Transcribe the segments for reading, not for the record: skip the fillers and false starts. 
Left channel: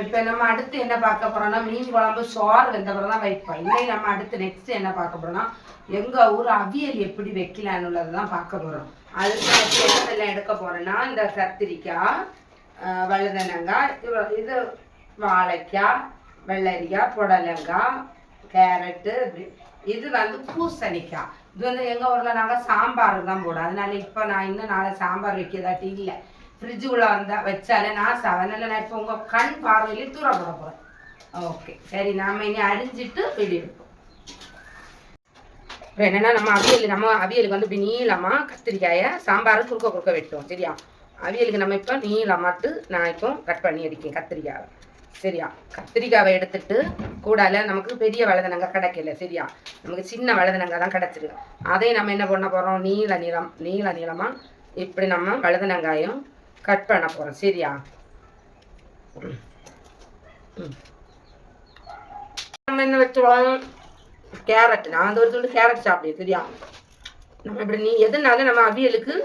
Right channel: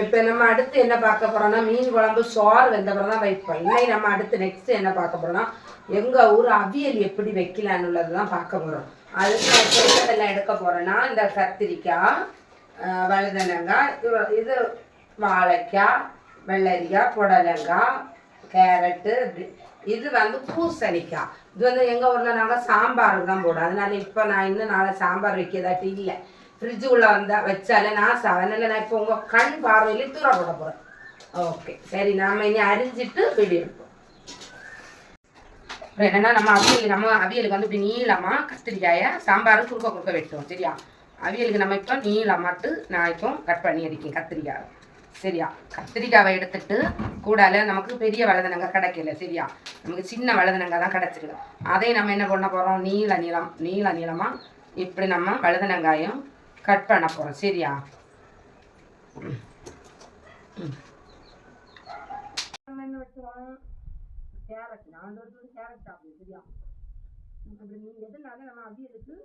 இப்போ நம்ம அடுத்து என்ன பார்க்க போகிறோம்னா மீன் குழம்பு சோறு வெந்த பிறகு தான் வைப்போம். இன்னைக்கு நம்ம அடுத்து நெக்ஸ்ட் என்ன பார்க்க போகிறோம்னா எங்கள் ஊர் அவியல் எப்படி வைக்கலான்னுள்ளது தான் பார்க்க போகிறோம். அதுக்கு என்னதெல்லாம் எடுக்க போகிறோன்னா இந்த கத்திரிக்காய், வழுதனங்காய், இது வாழைக்காய், வெள்ளரிக்காய், புடலங்காய், கேரட்டு, இது வந்து பூசணிக்காய். இது வந்து எங்கள் ஊரில் நாங்கள் சாம்பார் தான் போடுவோம். அதனால இப்போ நான் இன்னும் நாளை சாம்பார் வைக்கிறதாட்டி இல்லை, ஃப்ரிட்ஜுக்குள்ளே வந்தால் வச்சாலே நான் அதனால் நான் இப்போ உங்கள் கண் பார்வையிலே தூர போட போகிறேன். ஓகே சரி, நாம் இனி அரிஞ்சிட்டு வெளியே எடுப்போம். அப்புறம் என்னென்னா நம்ம அவியலுக்கு வந்து இப்படி நீளமாக கத்திரிக்காயை சாம்பார் குறுக்க வெட்டுவோம். சரியா? அவியலுக்கு நம்ம இப்போ நீளமாட்டு நான் இப்போ கட் பண்ணி அடிக்கேன் கத்திரிக்காய். சரியா? கத்திரிக்காவை எடுத்துட்டு கூடால நமக்கு பெரிய வழுதனங்காய் கிடைக்கல. சரியா? நமக்கு சின்ன வழுதனங்காய் தான் கிடச்சிருக்கு. அதையும் நம்ம என்ன பண்ண போகிறோம், நீள நீளமாக இப்படி நம்ம வழுதனங்காயும் கட் பண்ண போகிறோம். சரியா? நம்ம என்ன வச்சுருவோம், கேரட். நான் வந்து ஒரு சொல்லி கேரட் சாப்பிடுவேன். சரியா? நம்ம இப்படி எதுனாலும் நம்ம அவியலுக்கு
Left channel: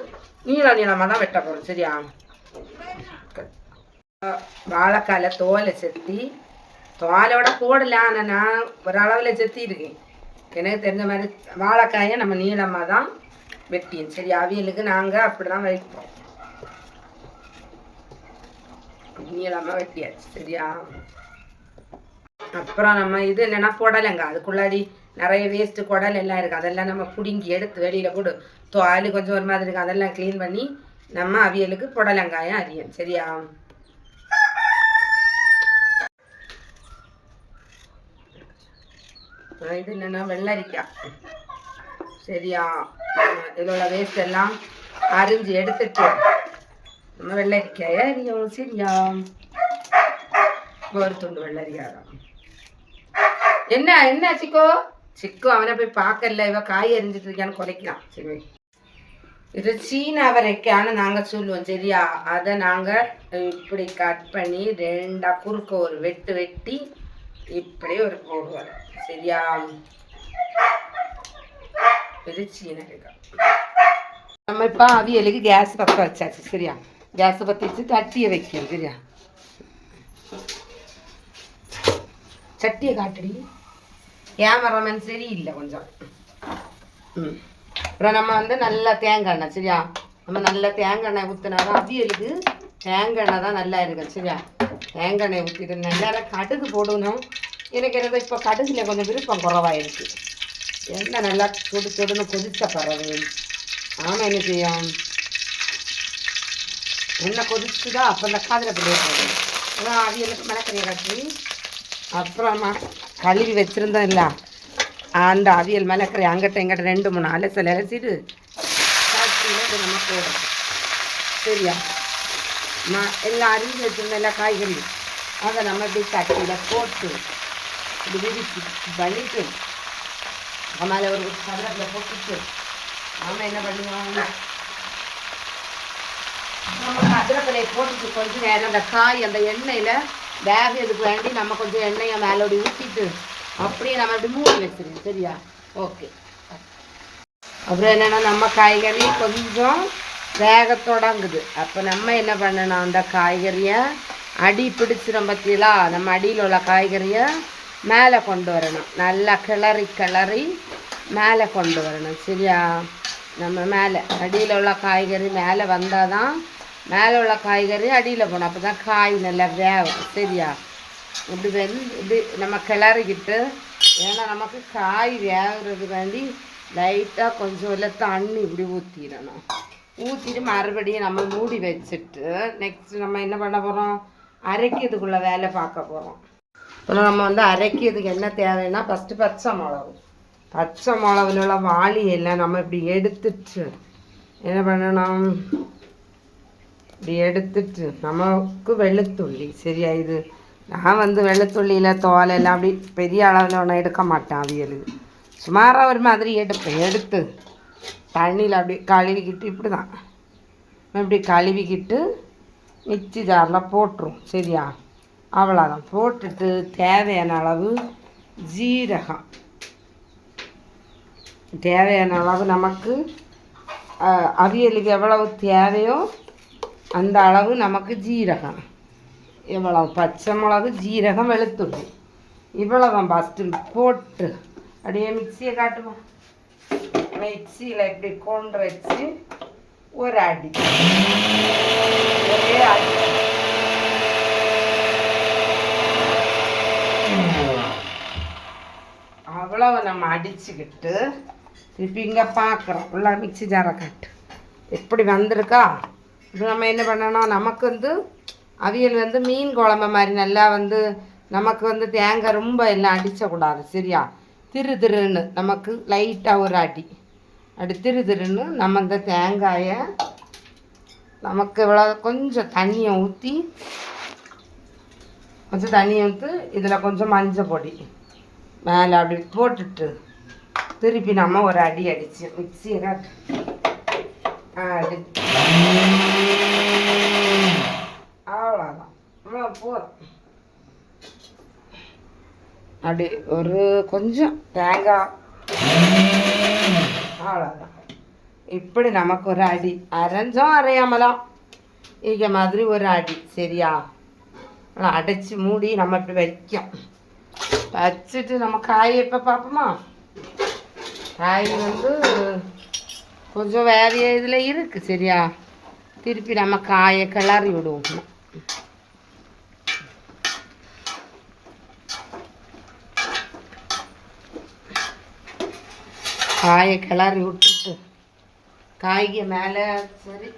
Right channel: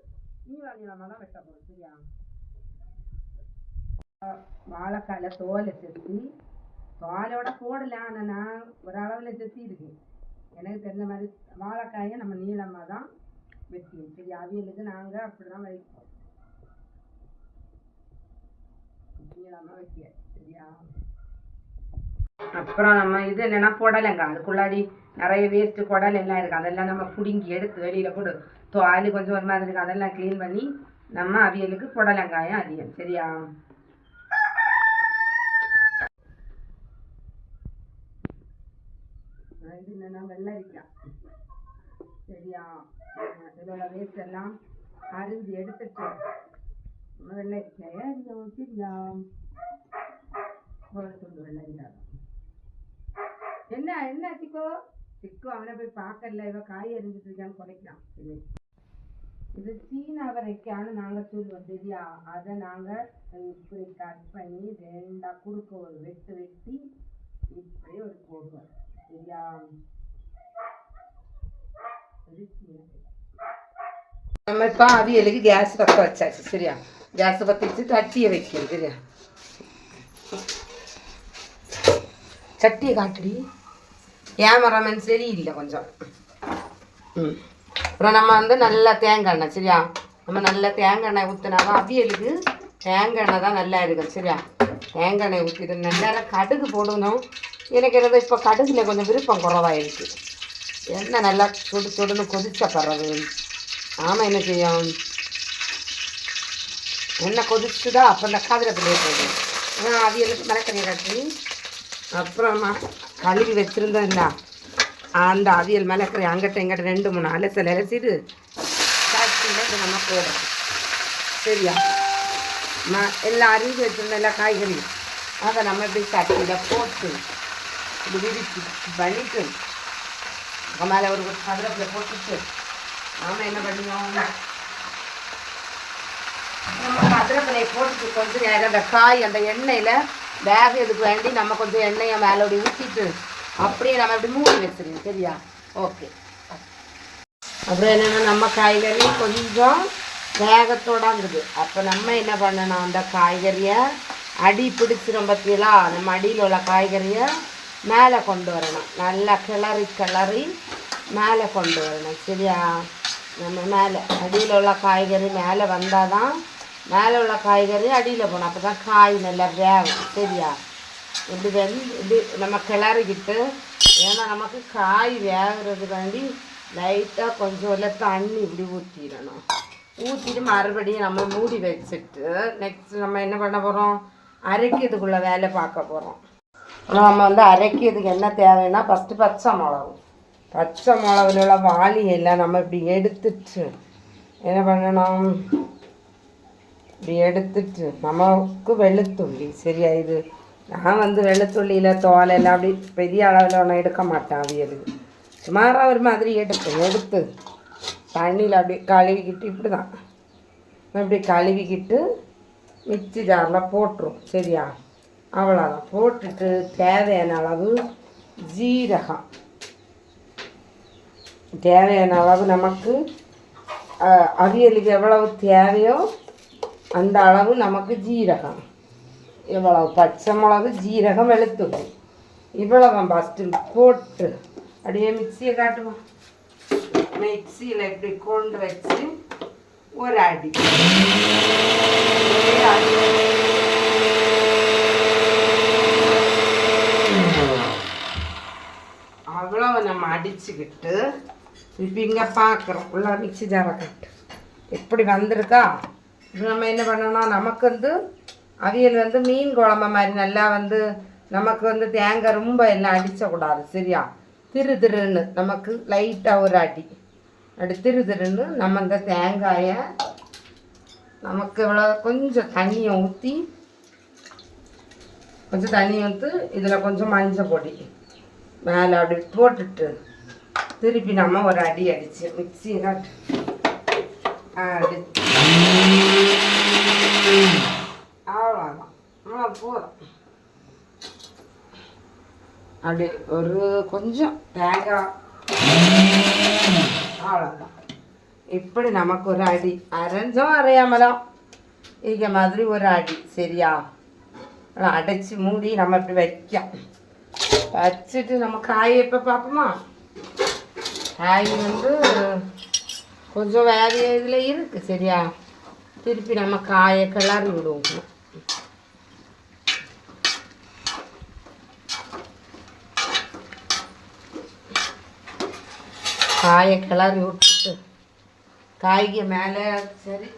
நீளமாக தான் வெட்ட போகிறோம். சரியா? வாழைக்கால தோலை செத்தி, தோலோட போடல, ஆனால் நான் ஒரு அளவில் செத்தி இருக்கேன். எனக்கு தெரிஞ்ச மாதிரி வாழைக்காயை நம்ம நீளமாக தான் வெட்டியும். சரி, அவியலுக்கு நாங்கள் அப்படி தான் வைப்போம், நீளமாக வெட்டியாச்சு. சரியா? அப்புறம் நம்ம இது என்னென்னா புடலங்காய். அதுக்குள்ளாடி நிறைய வேஸ்ட்டு குடல் எல்லாம் இருக்குது. அதெல்லாம் நம்ம பிடுங்கி எடுத்து வெளியில் போட்டு தோல் கொஞ்சம் ஒரு மாதிரி இருக்குது, அதெல்லாம் க்ளீன் பண்ணி நம்ம அவியலுக்கு புடலங்காயம் அரியும். சரியா? இது என்னென்னா வெள்ளரிக்காய். சரியா? இதோட வேஸ்ட் எல்லாம் அரிஞ்சு எடுத்துட்டு நம்ம வெள்ளரிக்காயை அரியும். சரியா? ஒரு துண்டு வெள்ளரிக்காய் தான். என்ன சிக்கோ அவனை போய் பார்க்கல, இவ காய் அரிஞ்சிட்டு இருக்கான்னு குறைக்கிறான். சரி, இது சீன அவரைக்கான்னு நாங்கள் சொல்லுவோம். சரியா? அதை நாங்கள் இப்படி கட் பண்ணி ரெண்டா குறுக்க ஒரு வெட்டி இப்படி ஒரு போடுவார். சரியா? இது சீனக்காய். நம்ம இப்போ அவியலுக்கு கேஸ் பற்ற வச்சாச்சு. சரியா? கேஸை பற்றி வச்சு சட்டியை வைக்கணும். சரியா? சட்டியை காட்டுடி, கேமராமேன் சரியில்லை கொஞ்சம். அப்புறம் நம்ம வந்து நல்லா தேங்காய் எண்ணெய். சரியா? நம்ம நல்லா தேங்காய் எண்ணெய் ஊற்றினாதான் அவியலுக்கு தேங்காய் எண்ணெய் தான் நல்லா இருக்கும். சரியா? தேங்காய் எண்ணெய் ஊற்றிட்டு நல்லா கடுகு போடணும். எனக்கு என்னது இப்போ கடுகுல கொஞ்சம் விருப்பம் குறவாயிருக்கு. எண்ணெய் நல்லா சுடுன்னு கொதிச்ச பிறகு ஆமாம் என்ன செய்யும், எண்ணெய் கொதிச்சுதா அப்போ இந்த காதிரப்பிள்ளையே போடும். அதான் அவியலுக்கு மிளகறியை காட்டி அப்புறமா கழுவி வச்சுருந்தோம் இல்லை, அந்த அவியல் மிளகறி அங்கிட்ட எங்கிட்ட 2-3 அலசிட்டு சட்டியில் நம்ம போடுறோம். சரியா? எல்லாம் அரிஞ்சு வச்சுருந்தோம் எல்லா காய்கறி, அதை நம்ம இப்படி சட்டியில் போட்டு இப்படி விரிச்சு பண்ணிட்டு மேலே ஒரு கதிரப்பில் போட்டுட்டு நம்ம என்ன பண்ணுவோம், நம்ம கதிரப்பிலையை போட்டுட்டு கொஞ்சம் நேரம் அந்த காய் அந்த எண்ணெயில் வேகிறதுக்கு வேண்டி நம்ம கொஞ்சம் எண்ணெயை மேலோடி ஊற்றிட்டு அப்படியே நம்ம இப்படி மூடி வச்சுருவோம். சரியா? ஓகே. அப்புறம் என்னென்னா நம்ம காய்கறி கொஞ்சம் வேக தொடங்குது. அப்போ நம்ம என்ன பண்ணணும், அந்த காய்கறியை அடி பிடிச்சிடும் பற்றியெல்லாம் நம்ம அடியில் உள்ள காய்கறியை மேலே கொண்டு வரணும். நல்லா கிளறி மேலே கொண்டு வரணும். சரியா? நம்ம மேலே அடியில் உள்ள காய்கறி மேலே வந்தால் தான் மேலே உள்ள காய்கறி அடியில் போகணும், அப்போ தான் காய் நல்லா வேகும். சரியா? இப்படி நம்ம கிளறிக்கிட்டு, ஏன்னா நமக்கு காய் வேகிறதுக்காண்டி லைட்டாக கொஞ்சம் எல்லாம் தண்ணி இப்படி ஊற்றிட்டு மறுபடியும் நம்ம மூடி வச்சுட்டு நெக்ஸ்ட் நம்ம என்ன பண்ண போகிறோம், அரைக்கிறதுக்குள்ளே வேலை பார்க்க போகிறோம். நம்ம வந்து அரைக்கிறதுக்கு என்ன தேவைன்னா ஃபஸ்ட்டு பச்சை மிளகுல உள்ள வாளியெல்லாம் நம்ம இப்படி எடுத்துட்டு என்ன பண்ணணும், இப்படி எடுத்துட்டு நமக்கு வெள்ளைத்துள்ளி. சரியா? இது நான் வந்து வெள்ளைத்துள்ளியில் தோலெல்லாம் அப்படி பெரிய அளவில் ஒன்று எடுக்க மாட்டேன். அவியலுக்கு சுமாராக ஒரு மாதிரி எடுத்து தண்ணியில் அப்படி கழுவிக்கிட்டு இப்படி தான் இப்படி கழுவிக்கிட்டு மிக்ஸி ஜாரில் போட்டுரும். சரியா? அவ்வளோதான். போட்டுட்டு தேவையான அளவு ஜீரகம், தேவையான அளவு நமக்கு அவியலுக்கு எவ்வளவு தேவையோ அந்த அளவு நமக்கு ஜீரகம் இவ்வளவு பச்சை மிளகு ஜீரகம் வெளுத்துள்ளி இவ்வளோதான் ஃபஸ்ட்டு போட்டு அப்படியே மிக்சியை காட்டுவோம். மிக்சியில் இப்படி கொண்டு வச்சு ஒரு அடி அவ்வளவு நம்ம அடிச்சுக்கிட்டு இப்போ இங்கே பார்க்குறோம் உள்ள மிக்சி ஜாரை காட்டு எப்படி வந்திருக்கா. இப்போ நம்ம என்ன பண்ணணும், நமக்கு வந்து அவியல் வந்து மீன் குழம்பு மாதிரி நல்லா வந்து நமக்கு வந்து தேங்காய் ரொம்ப எல்லாம் அடிச்சக்கூடாது சரியா. திரு திருன்னு நமக்கு லைட்டாக ஒரு அடி அப்படி திரு திருன்னு நம்ம இந்த தேங்காயை நமக்கு இவ்வளோ கொஞ்சம் தண்ணியை ஊற்றி இதில் கொஞ்சம் மஞ்சள் பொடி மேலே அப்படி போட்டுட்டு திருப்பி நம்ம ஒரு அடி அடிச்சு மிக்சியை காட்டு அவ்வளோதான் போதும். அப்படி ஒரு கொஞ்சம் தேங்காய் அவ்வளோதான். இப்படி நமக்கு ஒரு அடி அரைஞ்சோம் அரையாமலாம் இங்கே மாதிரி ஒரு அடி சரியா. அடைச்சி மூடி நம்ம இப்படி வச்சுட்டு நம்ம காய் எப்போ பார்ப்போமா. காய் வந்து கொஞ்சம் வேற இதில் இருக்குது சரியா. திருப்பி நம்ம காயை கிளறி விடுவோம். காயை கிளறி விட்டுட்டு காய்க்கு மேலே சரி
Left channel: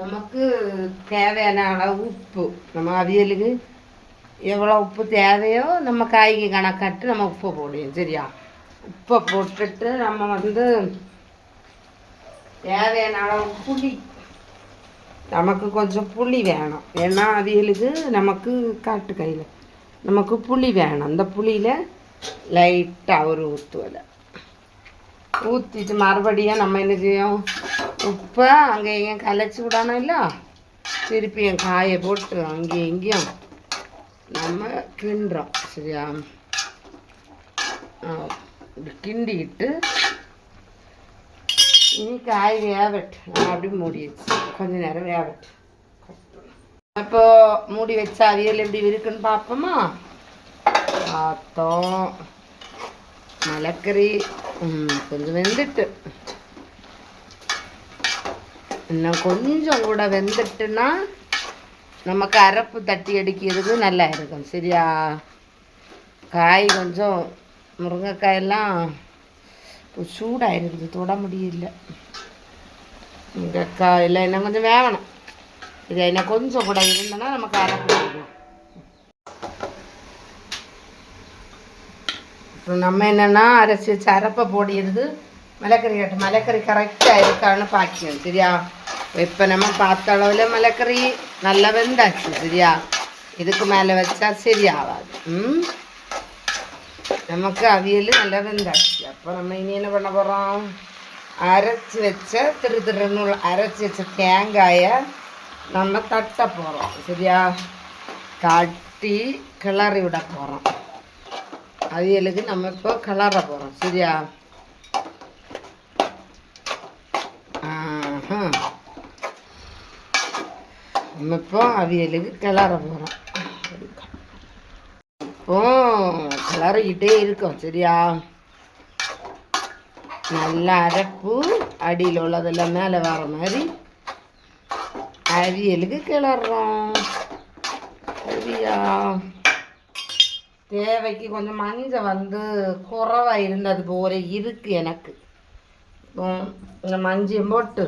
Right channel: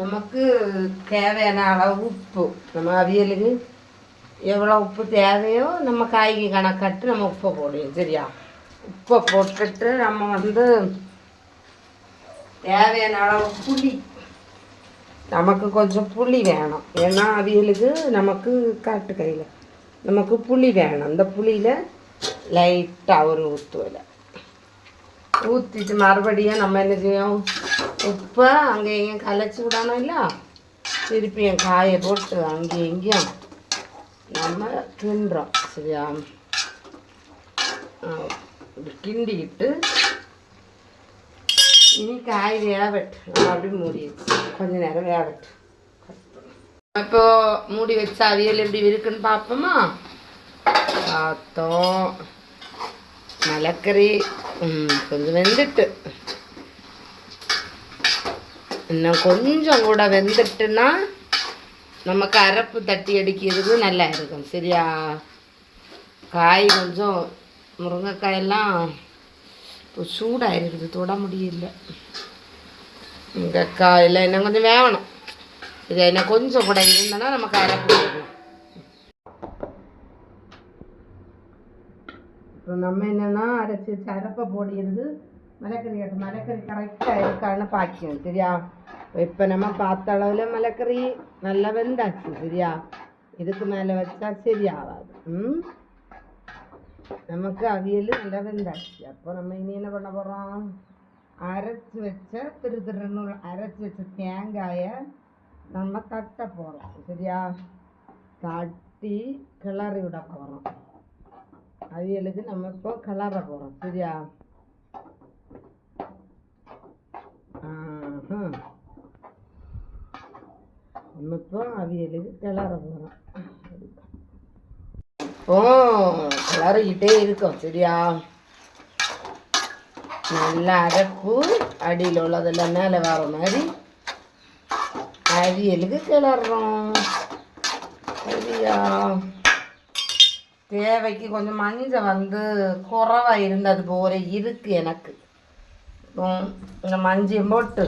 நமக்கு தேவையான அளவு உப்பு நம்ம அவியலுக்கு எவ்வளோ உப்பு தேவையோ நம்ம காய்க்கு கணக்காட்டு நம்ம உப்பை போடுவோம் சரியா. உப்பை போட்டுட்டு நம்ம வந்து தேவையான அளவு புளி நமக்கு கொஞ்சம் புளி வேணும். ஏன்னா அவியலுக்கு நமக்கு காட்டு கையில் நமக்கு புளி வேணும். அந்த புளியில் லைட்டாக ஒரு ஊற்றுவலை ஊற்றிட்டு மறுபடியும் நம்ம என்ன செய்யும், உப்பை அங்கே இங்கேயும் கலைச்சி விடணும் இல்லை. திருப்பி என் காயை போட்டு அங்கேயும் இங்கேயும் நம்ம கிண்டுறோம் சரியா. கிண்டிக்கிட்டு இனி காய் வேகட்டு நம்ம அப்படி மூடி வச்சு கொஞ்சம் நேரம் வேகட்டு. இப்போ மூடி வச்சா அவியல் எப்படி இருக்குன்னு பார்ப்போமா. பார்த்தோம் மலைக்கறி கொஞ்சம் வெந்துட்டு இன்னும் கொஞ்சம் கூட வெந்துட்டுன்னா நமக்கு அரப்பு தட்டி அடிக்கிறதுக்கு நல்லா இருக்கும் சரியா. காய் கொஞ்சம் முருங்கைக்காயெல்லாம் சூடாக இருக்குது தொட முடியல. முருங்கைக்காயில் இன்னும் கொஞ்சம் வேகணும் சரியா. இன்னும் கொஞ்சம் கூட இருந்தோன்னா நமக்கு அரப்பு கொடுக்கலாம். நம்ம என்னென்னா அரைச்சி வச்சு அரப்பை போடிடுது மலைக்கறி கட்டு மலைக்கறி கரெக்டாக இருக்கான்னு பார்க்கணும் சரியா. இப்போ நம்ம பார்த்த அளவில் மலைக்கறி நல்லா வெந்தாச்சு சரியா. இதுக்கு மேலே வச்சா சரியாகாது. நமக்கு அவியல் நல்லா வெந்தாச்சு. அப்போ நம்ம இனி என்ன பண்ண போகிறோம், அரைச்சி வச்ச திருன்னு அரைச்சி வச்ச தேங்காயை நம்ம தட்ட போகிறோம் சரியா. தட்டி கிளறி விட போகிறோம். அவியலுக்கு நம்ம இப்போ கிளற போகிறோம் சரியா. நம்ம இப்போ அவியலுக்கு கிளற போகிறோம். இப்போ கிளறிக்கிட்டே இருக்கோம் சரியா. நல்லா அரைப்பு அடியில் உள்ளதெல்லாம் மேலே வர மாதிரி அவியலுக்கு கிளறோம் சரியா. தேவைக்கு கொஞ்சம் மஞ்சள் வந்து குறைவாக இருந்தது போல இருக்குது எனக்கு. இந்த மஞ்சள் போட்டு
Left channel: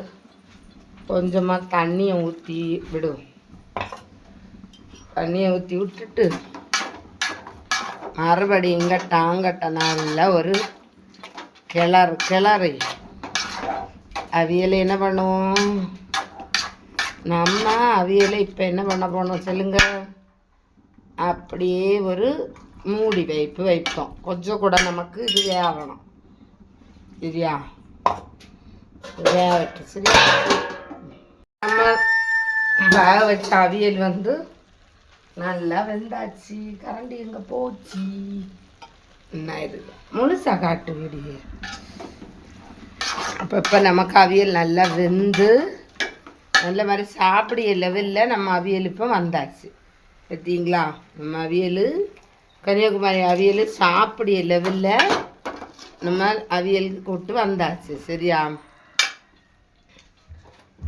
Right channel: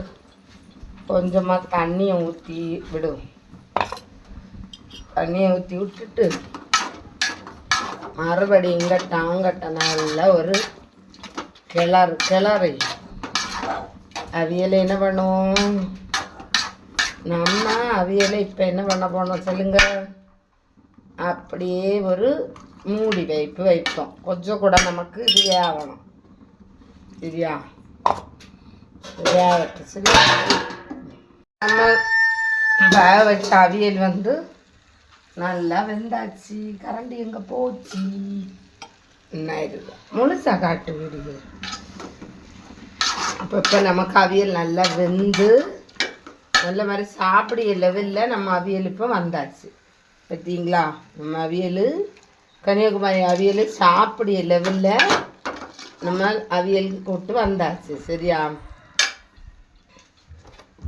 கொஞ்சமாக தண்ணியை ஊற்றி விடும். தண்ணியை ஊற்றி விட்டுட்டு மறுபடி இங்கட்ட நல்லா ஒரு கிளறி அவியலை என்ன பண்ணுவோம் நம்ம. அவியலை இப்போ என்ன பண்ண போனோம் சொல்லுங்க. அப்படியே ஒரு மூடி வைப்போம். கொஞ்சம் கூட நமக்கு இது வேகணும் சரியா. வேகட்டு சரியா. நம்ம வேக வச்ச அவியல் வந்து நல்லா வெந்தாச்சு. கரண்டி எங்கே போச்சு என்ன இருக்கு முழுசா காட்டு வீடியோ. இப்போ நமக்கு அவியல் நல்லா வெந்து நல்ல மாதிரி சாப்பிடிய லெவலில் நம்ம அவியல் இப்போ வந்தாச்சு. பார்த்தீங்களா? நம்ம அவியல் கன்னியாகுமரி அவியல் சாப்பிடிய லெவலில் நம்ம அவியலுக்கு போட்டு வந்தாச்சு. சரியா?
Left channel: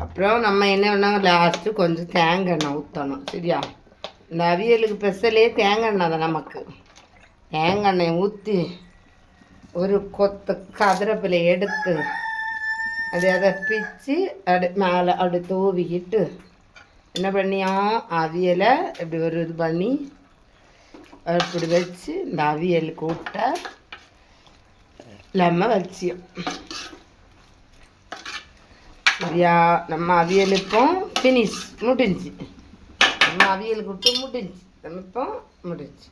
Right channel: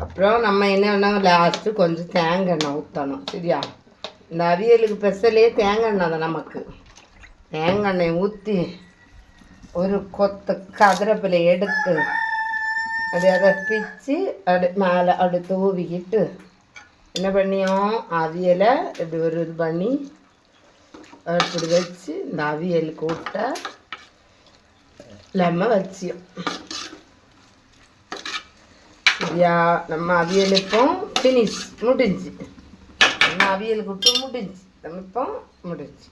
அப்புறம் நம்ம என்ன பண்ணாங்க, லாஸ்ட்டு கொஞ்சம் தேங்காய் எண்ணெய் ஊற்றணும். சரியா? இந்த அவியலுக்கு ஸ்பெஷலே தேங்காய் எண்ணெய் தான். நமக்கு தேங்காய் எண்ணெய் ஊற்றி ஒரு கொத்த கதிரப்பிலை எடுத்து அதை பிச்சு மேலே அப்படி தூவிக்கிட்டு என்ன பண்ணியோம், அவியலை இப்படி ஒரு இது பண்ணி அப்படி வச்சு இந்த அவியல் கூட்டை நம்ம வச்சியோம். சரியா? நம்ம அவியலுக்கும் ஃபினிஷ் முடிஞ்சு. நம்ம அவியல் கூட்டு முடிஞ்சு. நம்ம இப்போ முடிஞ்சு.